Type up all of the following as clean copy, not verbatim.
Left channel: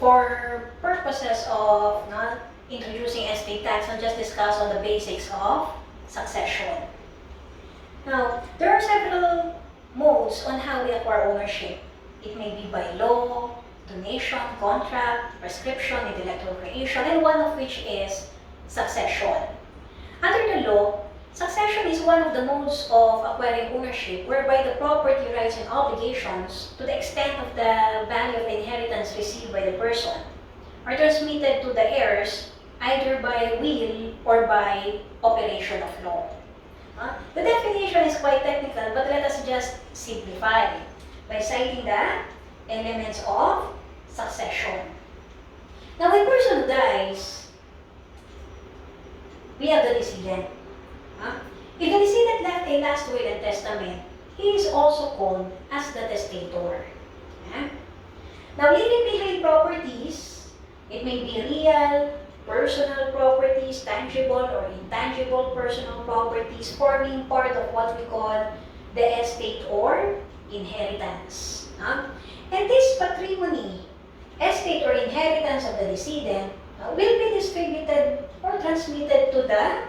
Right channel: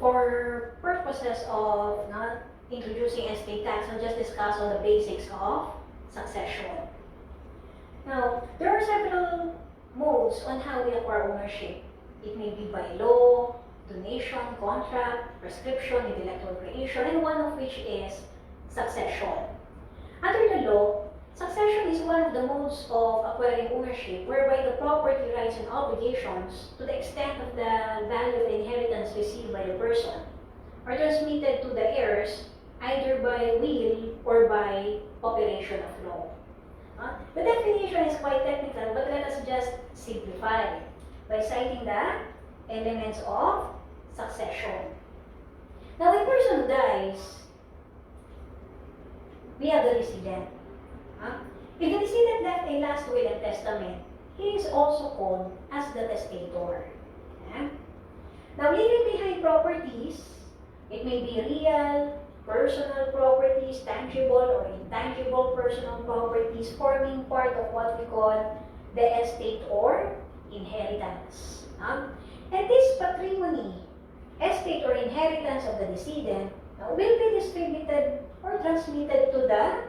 for purposes of not introducing estate tax, I'll just discuss on the basics of succession. Now, there are several modes on how we acquire ownership. It may be by law, donation, contract, prescription, intellectual creation, and one of which is succession. Under the law, succession is one of the modes of acquiring ownership whereby the property rights and obligations to the extent of the value of the inheritance received by the person are transmitted to the heirs either by will or by operation of law. The definition is quite technical, but let us just simplify by citing the elements of succession. Now, when a person dies, we have the decedent. If the decedent left a last will and testament, he is also called as the testator. Now, leaving behind properties, it may be real, personal properties, tangible or intangible personal properties, forming part of what we call the estate or inheritance. And this patrimony, estate or inheritance of the decedent, will be distributed or transmitted to the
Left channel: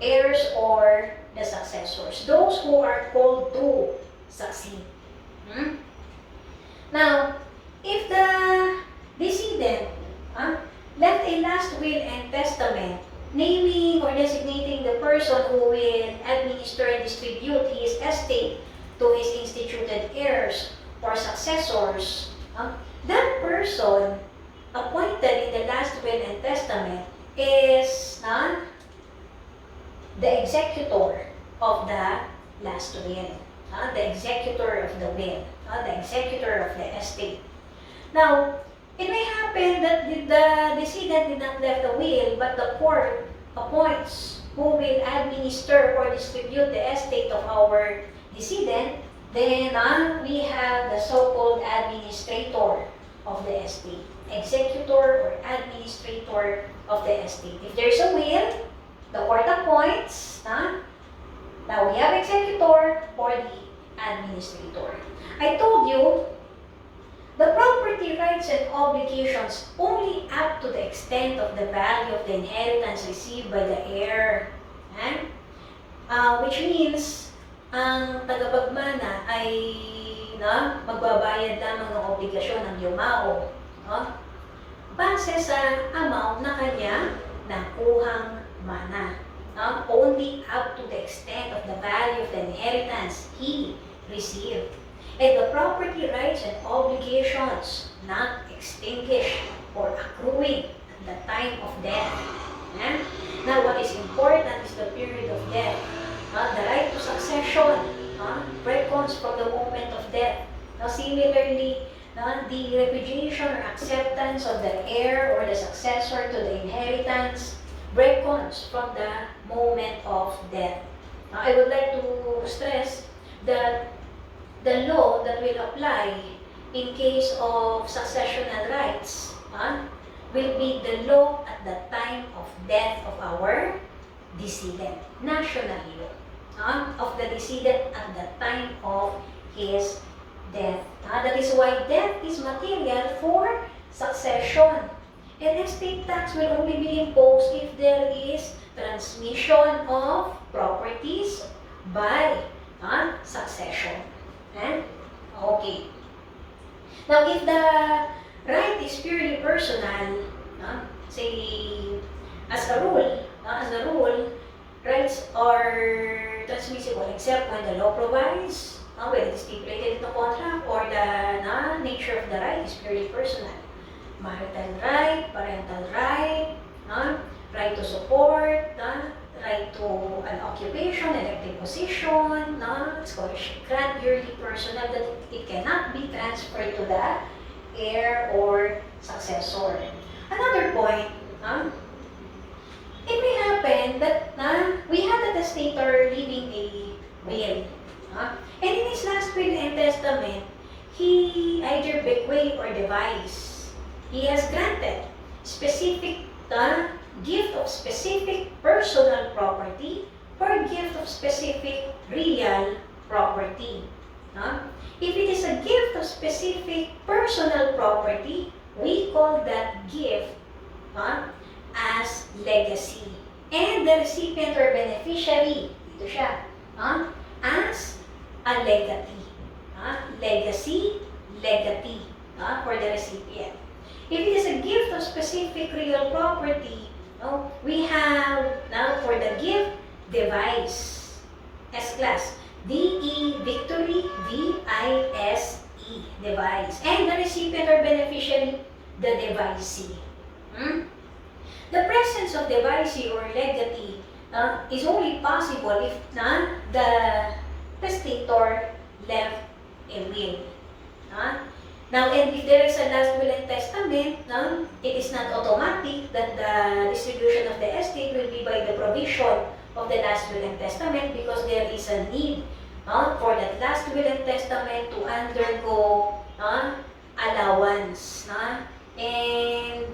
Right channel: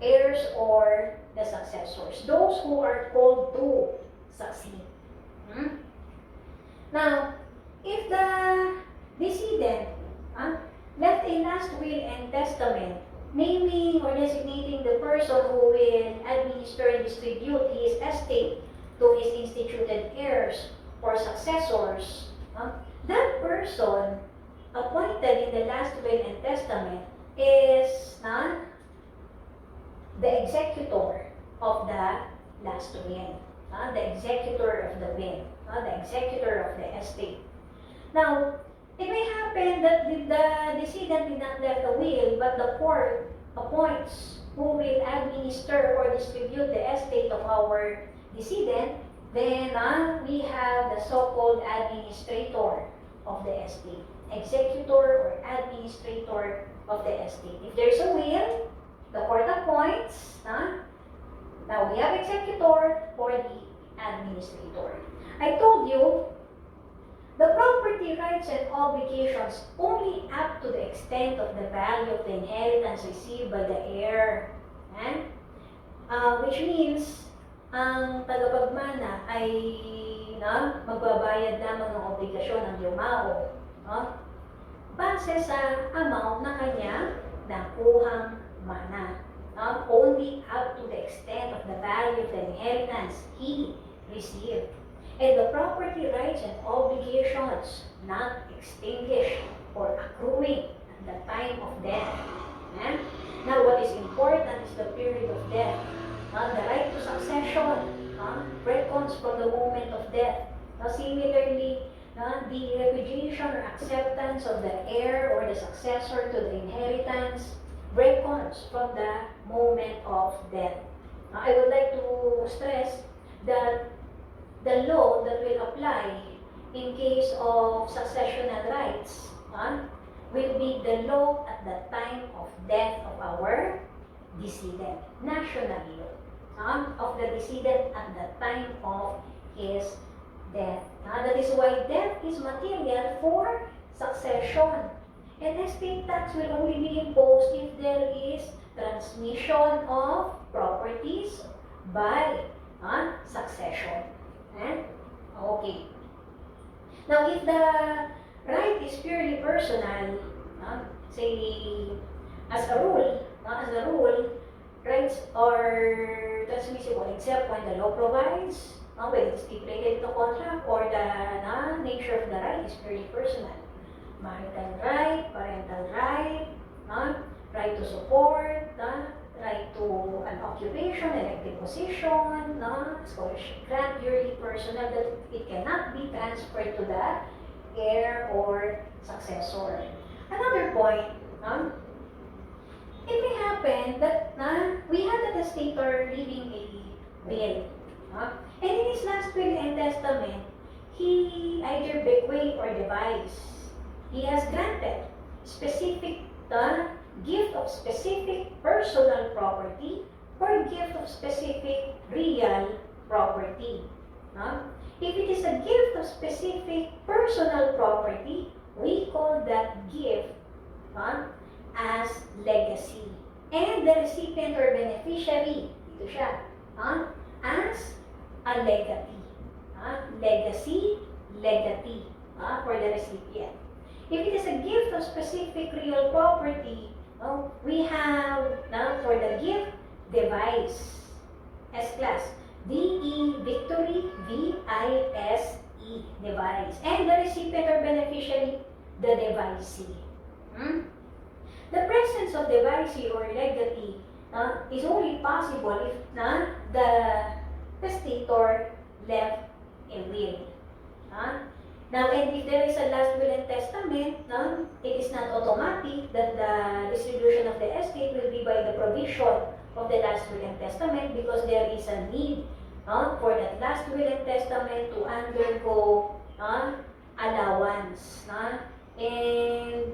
heirs or the successors, those who are called to succeed. Now, if the decedent left a last will and testament, naming or designating the person who will administer and distribute his estate to his instituted heirs or successors, that person appointed in the last will and testament is the executor of the last will, the executor of the will, the executor of the estate. Now, it may happen that the decedent did not left a will, but the court appoints who will administer or distribute the estate of our decedent. Then we have the so-called administrator of the estate, executor or administrator of the estate. If there's a will, the court appoints. Now we have executor or the administrator. I told you the property rights and obligations only up to the extent of the value of the inheritance received by the heir. Which means, ang tagapagmana ay magbabayad lamang ng obligasyon ng yumao base sa amount na kanya nakuhang mana. Only up to the extent of the value of the inheritance he received. And the property rights and obligations not extinguished or accruing at the time of death. Now, what is important is the period of death. The right to succession reckons from the moment of death. Now, similarly, the repudiation or acceptance of the heir or the successor to the inheritance reckons from the moment of death. I would like to stress that the law that will apply in case of successional rights will be the law at the time of death of our decedent, national law of the decedent at the time of his death. That is why death is material for succession. And estate tax will only be imposed if there is transmission of properties by succession. Okay. Now, if the right is purely personal, say, as a rule, rights are transmissible except when the law provides, when it is stipulated in the contract, or the nature of the right is purely personal. Marital right, parental right, right to support, right to an occupation, elective position, scholarship grant, purely personal, that it cannot be transferred to the heir or successor. Another point, it may happen that we have the testator leaving a will, and in his last will and testament, he either bequeath or devise. He has granted specific gift of specific personal property or gift of specific real property. If it is a gift of specific personal property, we call that gift as legacy. And the recipient or beneficiary, dito siya, as a legatee. Legacy, legatee for the recipient. If it is a gift of specific real property, we have now for the gift, device. S-class. D-E, victory, V-I-S-E, device. And the recipient or beneficiary, the devicee. The presence of devicee or legatee is only possible if the testator left a will. Now, and if there is a last will and testament, it is not automatic that the distribution of the estate will be by the provision of the last will and testament, because there is a need for that last will and testament to undergo allowance. And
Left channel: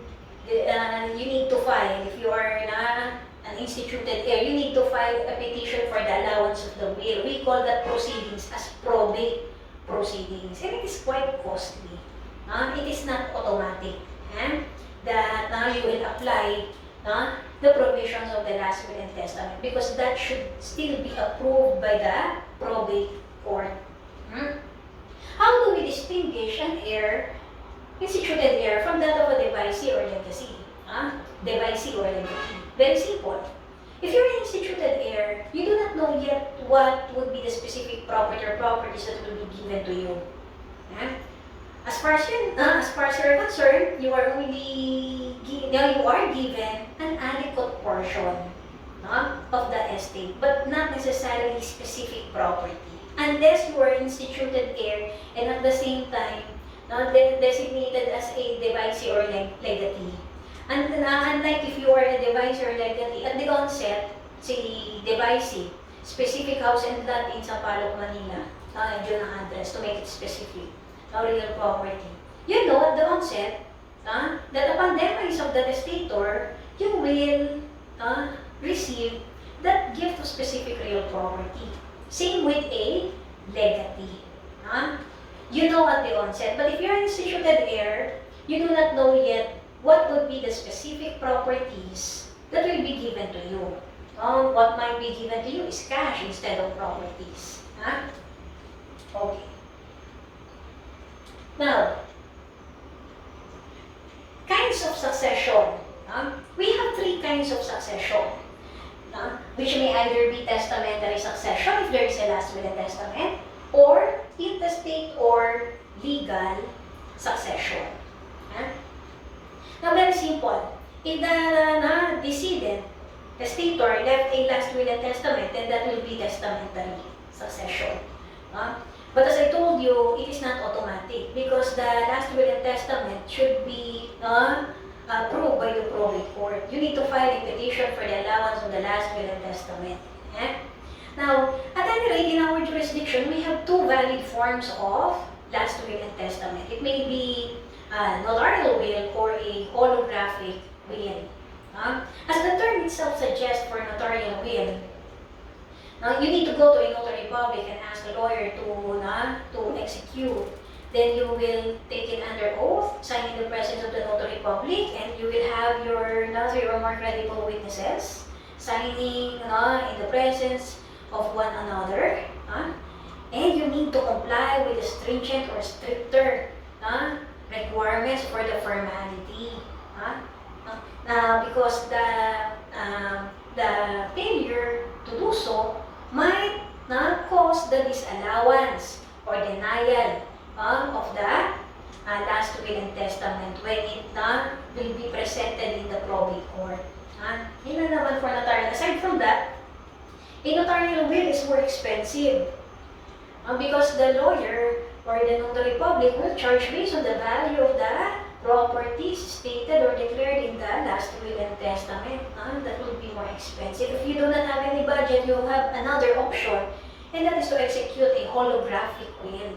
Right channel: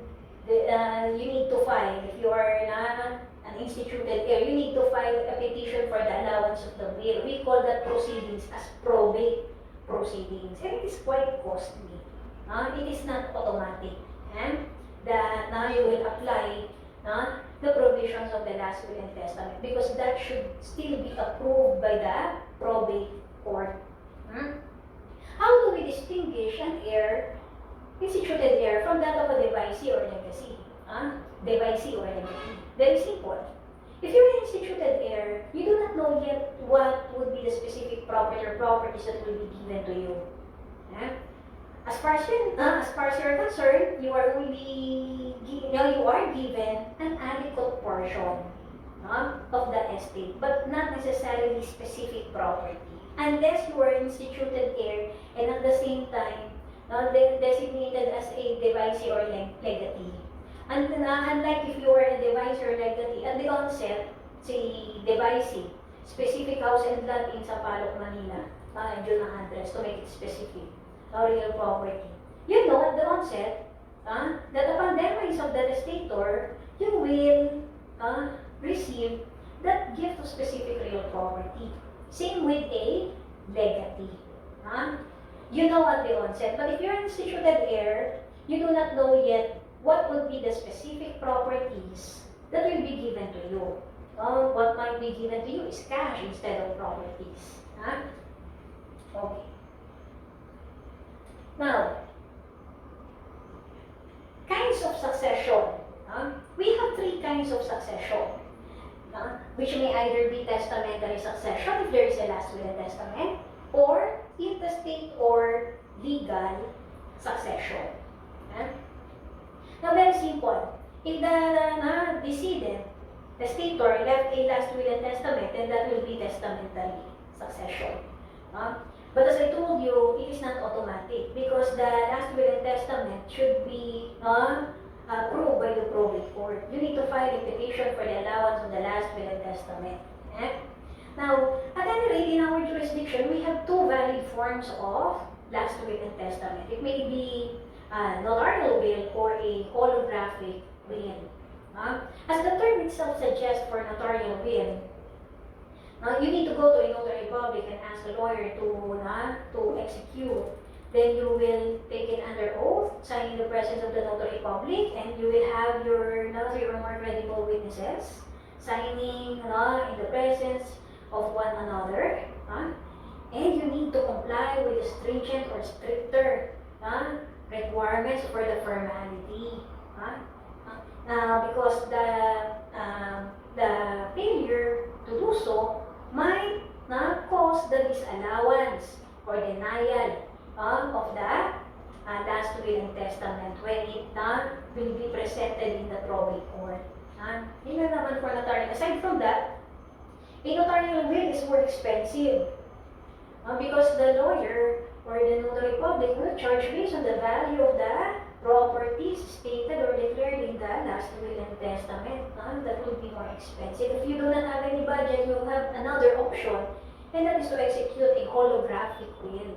you need to file, if you are an instituted heir, you need to file a petition for the allowance of the will. We call that proceedings as probate proceedings, and it is quite costly. It is not automatic, and that now you will apply the provisions of the last will and testament, because that should still be approved by the probate court. How do we distinguish an heir, instituted heir, from that of a devicee or legacy? Devicee or legatee. Very simple. If you're an instituted heir, you do not know yet what would be the specific property or properties that will be given to you. As far as you're concerned, you are given an adequate portion of the estate, but not necessarily specific property, unless you are instituted heir and at the same time designated as a devicee or legatee. And unlike if you are a devicee or legatee, at the onset, si devicee, specific house and lot in Sampaloc, Manila, yun ang address to make it specific, real property. You know at the onset that upon demise of the testator, you will receive that gift of specific real property. Same with a legatee. You know at the onset, but if you're an instituted heir, you do not know yet what would be the specific properties that will be given to you. What might be given to you is cash instead of properties. Okay. Now, kinds of succession. We have three kinds of succession, which may either be testamentary succession if there is a last will and testament, or intestate or legal succession. Now, very simple. If the decedent, testator, left a last will and testament, then that will be testamentary succession. But as I told you, it is not automatic, because the last will and testament should be approved by the probate court. You need to file a petition for the allowance of the last will and testament. Now, at any rate, in our jurisdiction, we have two valid forms of last will and testament. It may be a notarial will or a holographic will. As the term itself suggests for notarial will, you need to go to a notary public and ask the lawyer to execute. Then you will take it under oath, sign in the presence of the notary public, and you will have your three or more credible witnesses signing in the presence of one another. And you need to comply with the stringent or stricter requirements for the formality. Because the failure to do so might cause the disallowance or denial of the last will and testament when it will be presented in the probate court. Yun na naman for notarial. Aside from that, a notarial will is more expensive because the lawyer or the notary public will charge based on the value of the properties stated or declared in the last will and testament. That will be more expensive. If you do not have any budget, you have another option, and that is to execute a holographic will.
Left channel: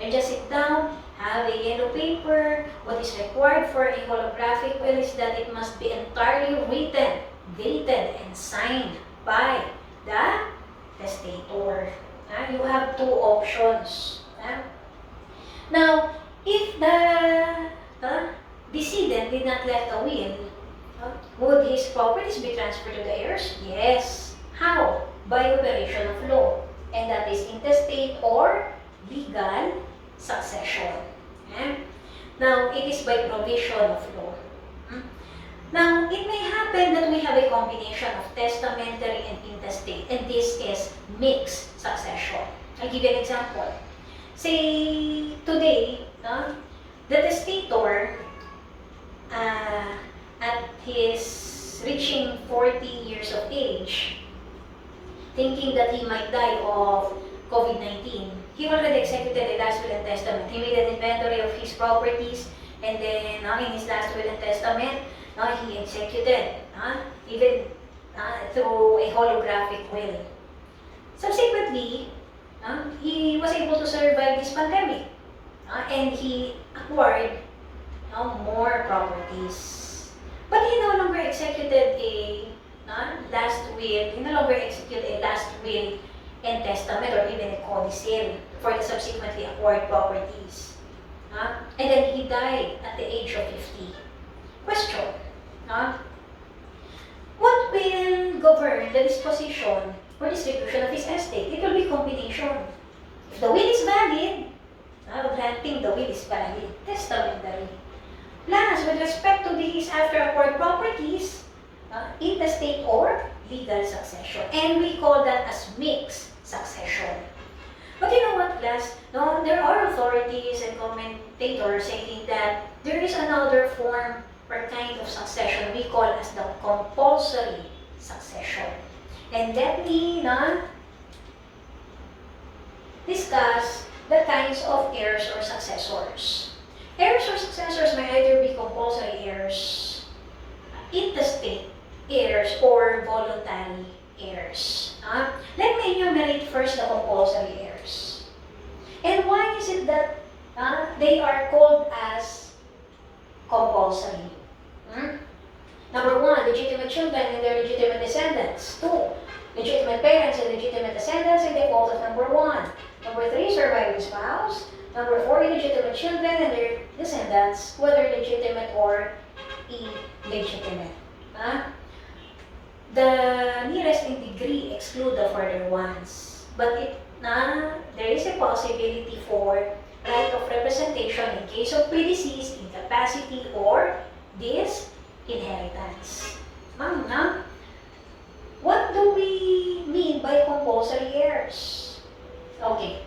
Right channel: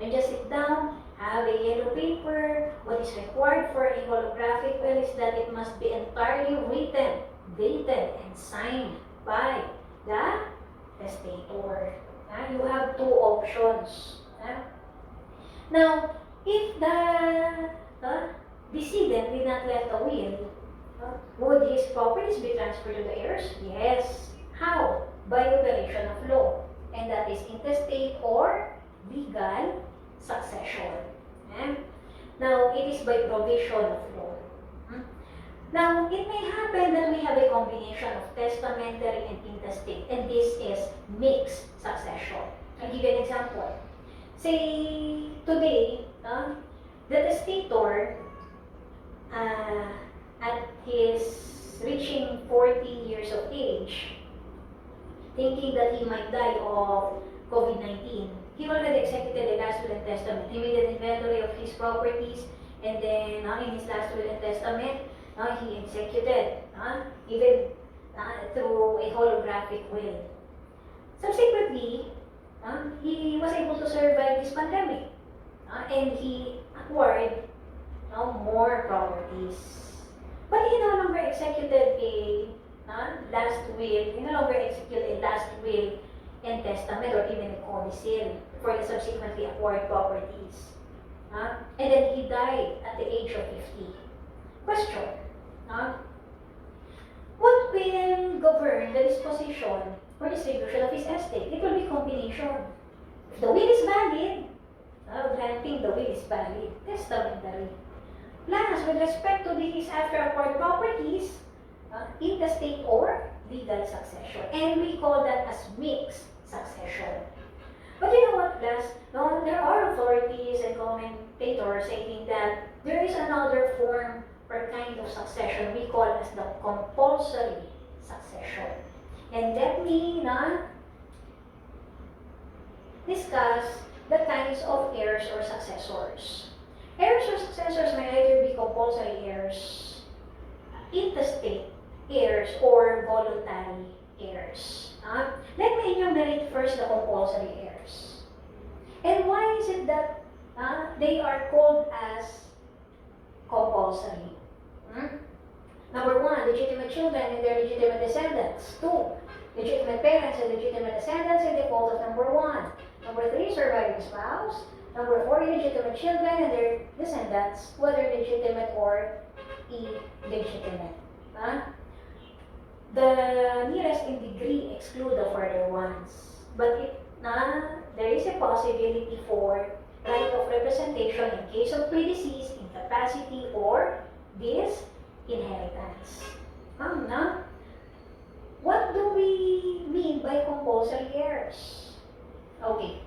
And just sit down, have a yellow paper. What is required for a holographic will is that it must be entirely written, dated, and signed by the testator. You have two options. Now, if the decedent did not left a will, would his properties be transferred to the heirs? Yes. How? By operation of law. And that is intestate or legal succession. Okay? Now, it is by provision of law. Now, it may happen that we have a combination of testamentary and intestate, and this is mixed succession. I'll give you an example. Say, today, the testator, at his reaching 40 years of age, thinking that he might die of COVID-19, he already executed a last will and testament. He made an inventory of his properties, and then in his last will and testament, he executed, even through a holographic will. Subsequently, he was able to survive this pandemic, and he acquired more properties. But he no longer executed a last will, he no longer executed a last will and testament or even a codicil for the subsequently acquired properties. And then he died at the age of 50. Question. What will govern the disposition or distribution of his estate? It will be combination. If the will is valid, granting the will is valid, testamentary. Plus, with respect to these after acquired properties, intestate or legal succession. And we call that as mixed succession. But you know what, class? There are authorities and commentators saying that there is another form or kind of succession we call as the compulsory succession. And let me discuss the kinds of heirs or successors. Heirs or successors may either be compulsory heirs, intestate heirs, or voluntary heirs. Let me enumerate first the compulsory heirs. And why is it that they are called as compulsory? Number one, legitimate children and their legitimate descendants. Two, legitimate parents and legitimate descendants in default of number one. Number three, surviving spouse. Number four, illegitimate children and their descendants, whether legitimate or illegitimate. The nearest in degree exclude the further ones. But there is a possibility for right of representation in case of predeceased, incapacity, or disinheritance. What do we mean by compulsory heirs? Okay.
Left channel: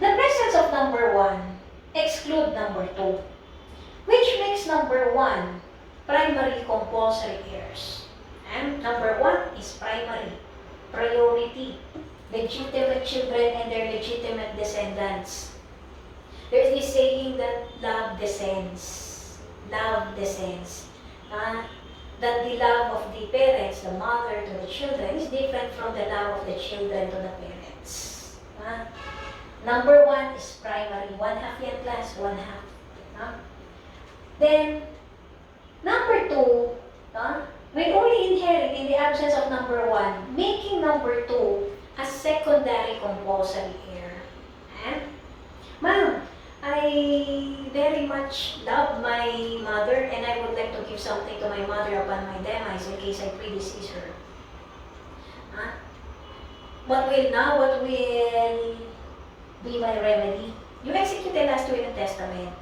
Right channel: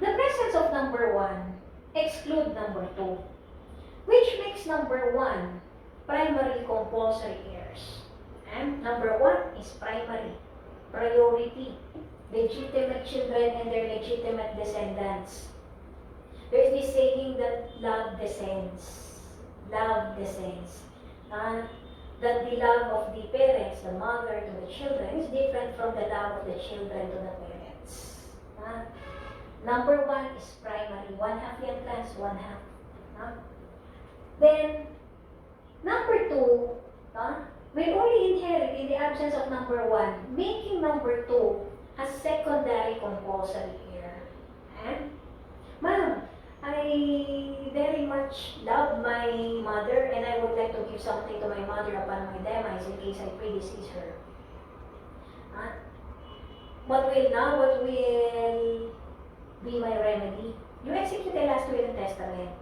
The presence of number one exclude number two, which makes number one primary compulsory heirs. And number one is primary, priority, legitimate children and their legitimate descendants. There's this saying that love descends. Love descends. That the love of the parents, the mother to the children, is different from the love of the children to the parents. Number one is primary. 1/2 yan class, 1/2. Then, number two, will only inherit in the absence of number one, making number two a secondary compulsory heir. Ma'am, I very much love my mother and I would like to give something to my mother upon my demise in case I predecease her. What will be my remedy? You execute the last will and testament.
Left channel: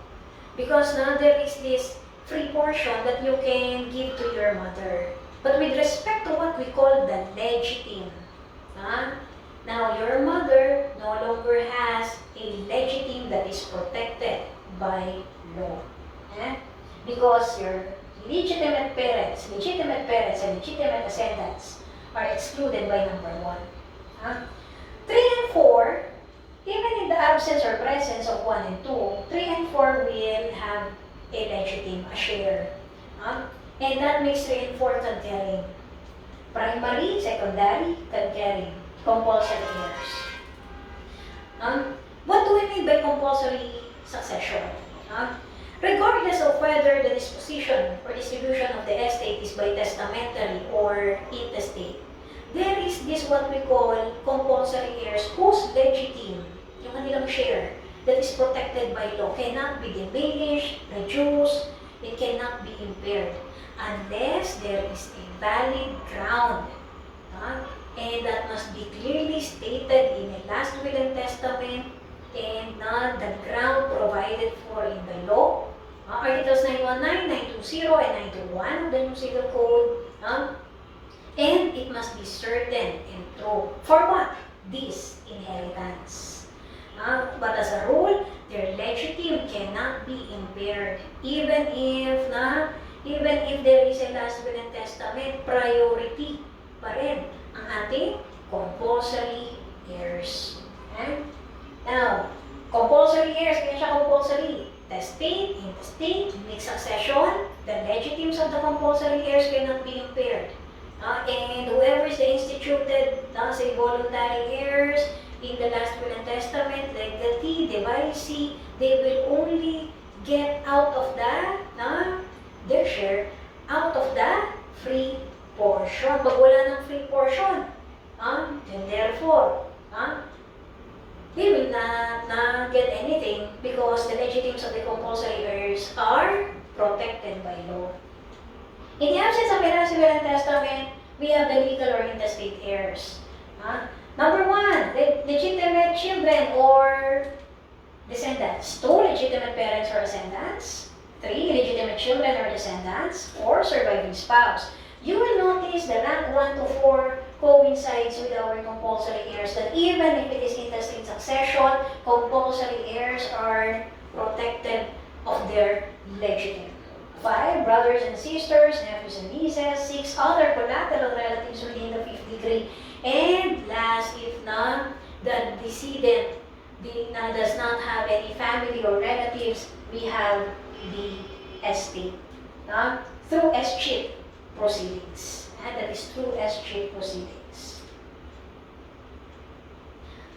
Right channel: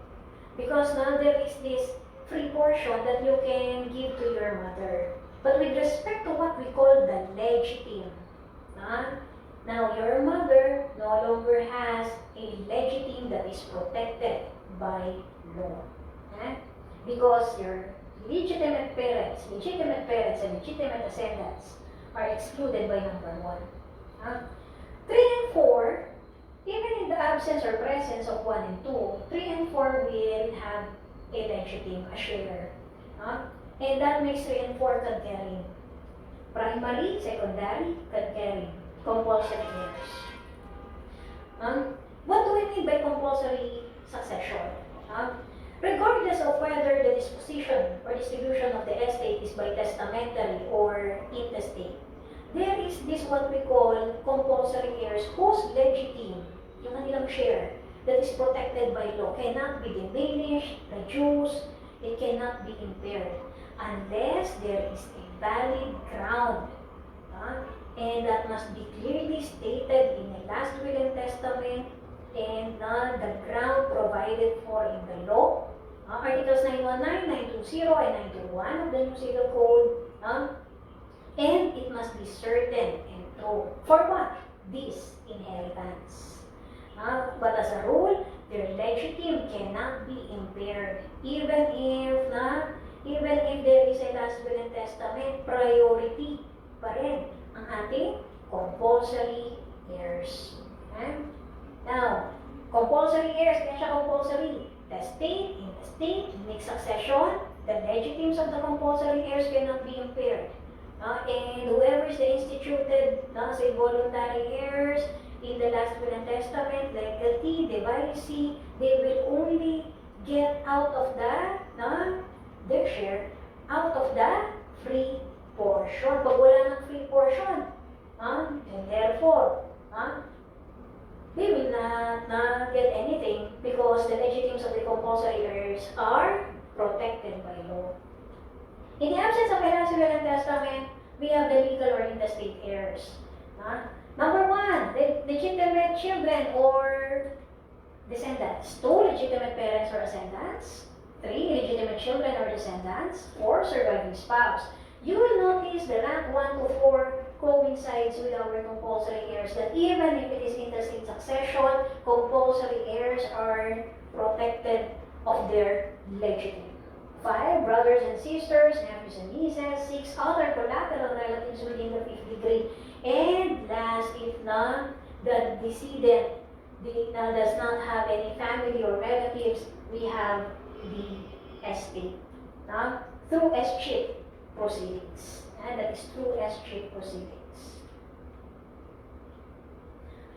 Because now there is this free portion that you can give to your mother. But with respect to what we call the legitim, now your mother no longer has a legitim that is protected by law. Because your legitimate parents and legitimate descendants are excluded by number one. 3 and 4, even in the absence or presence of 1 and 2, 3 and 4 will have a legitim, a share. And that makes 3 and 4 concurring. Primary, secondary, concurring. Compulsory heirs. What do we mean by compulsory succession? Regardless of whether the disposition or distribution of the estate is by testamentary or intestate, there is this what we call compulsory heirs whose legitim, yung kanilang share, that is protected by law, cannot be diminished, reduced, It cannot be impaired unless there is a valid ground. And that must be clearly stated in a last will and testament, and the ground provided for in the law. Articles 919, 920, and 921 of the New Civil Code. And it must be certain and true. For what? This inheritance. But as a rule, their legitimate cannot be impaired. Even if there is a last will and testament, priority pa rin ang ating compulsory heirs. Now, compulsory heirs, kaya siya compulsory. The state, intestate, mixed succession, the legitimes of the compulsory heirs cannot be impaired. And whoever is the instituted, say voluntary heirs, in the last will and testament, legatee, divisee, they will only get out of that, their share, out of the free portion. Pag wala ng free portion, and therefore, they will not get anything because the legitimes of the compulsory heirs are protected by law. In the absence of a last will and testament, we have the legal or intestate heirs. Number one, legitimate children or descendants. 2, legitimate parents or descendants. 3, legitimate children or descendants. 4, surviving spouse. You will notice the rank 1 to 4 coincides with our compulsory heirs, that even if it is intestate succession, compulsory heirs are protected of their legitimate. 5, brothers and sisters, nephews and nieces. 6, other collateral relatives within the 5th degree. And last, if none, the decedent does not have any family or relatives, we have the estate through escheat proceedings. And that is through escheat proceedings.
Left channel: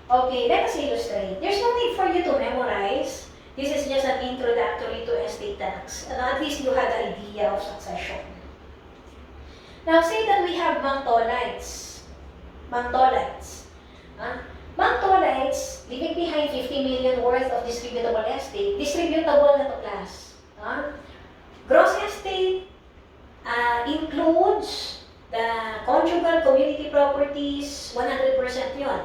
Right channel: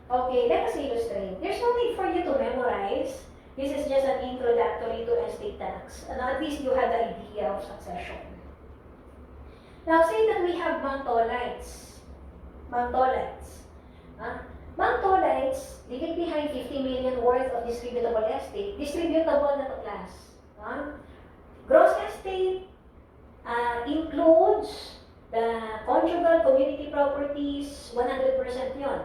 Okay, let us illustrate. There's no need for you to memorize. This is just an introductory to estate tax. And at least you had an idea of succession. Now, say that we have Mantolites. Mantolites, leaving behind 50 million worth of distributable estate. Distributable na to class. Gross estate includes the conjugal community properties, 100% yun.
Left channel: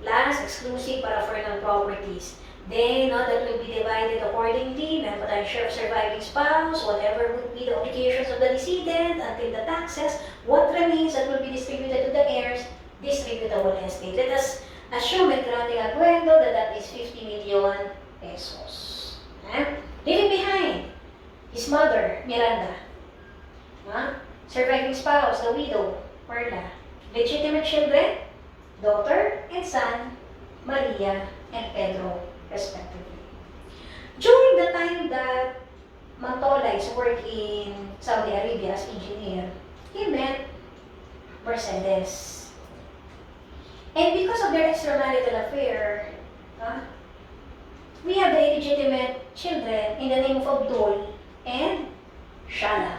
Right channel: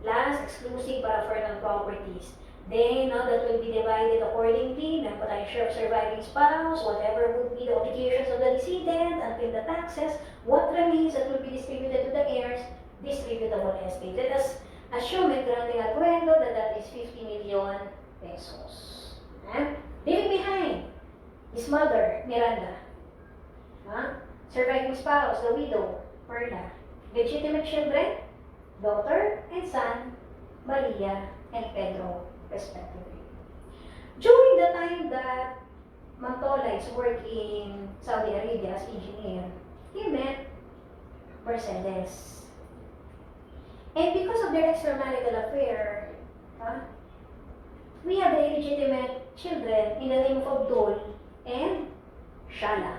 Plus, exclusive paraphernal properties. Then, that will be divided accordingly. Meron pa tayong share of surviving spouse, whatever would be the obligations of the decedent until the taxes. What remains that will be distributed to the heirs, distributable estate. Let us assume at grande acuerdo that is 50 million pesos. Leaving behind, his mother, Miranda. Surviving spouse, the widow, Perla. Legitimate children, daughter and son, Maria and Pedro, respectively. During the time that Mantolites worked in Saudi Arabia as engineer, he met Mercedes. And because of their extramarital affair, we have the illegitimate children in the name of Abdul and Shala.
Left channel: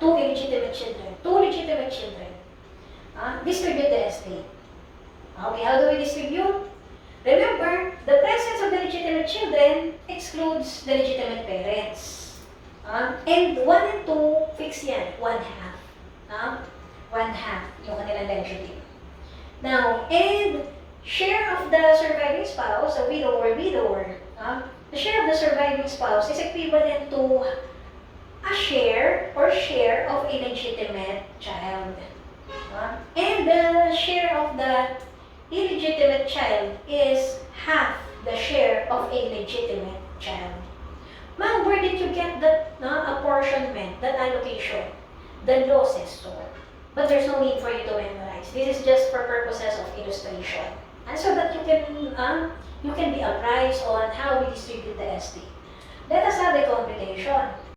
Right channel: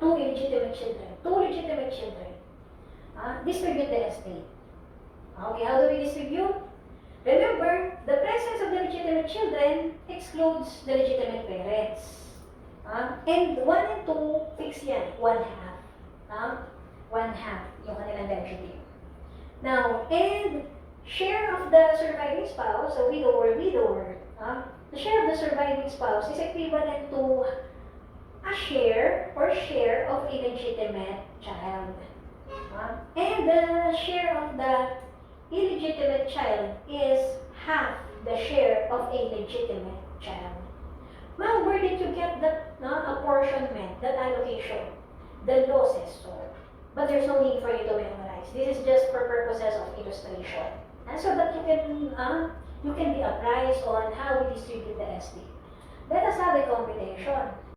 Two legitimate children. Distribute the estate. Okay, how do we distribute? Remember, the presence of the legitimate children excludes the legitimate parents. And 1 and 2, fix yan, 1/2. 1/2 yung kanilang legitimate. Now, and share of the surviving spouse, a widow or widower, the share of the surviving spouse is equivalent to a share of a legitimate child. And the share of the illegitimate child is half the share of a legitimate child. Ma'am, where did you get that apportionment, that allocation? The law says so. But there's no need for you to memorize. This is just for purposes of illustration. And so that you can be apprised on how we distribute the estate. Let us have a computation.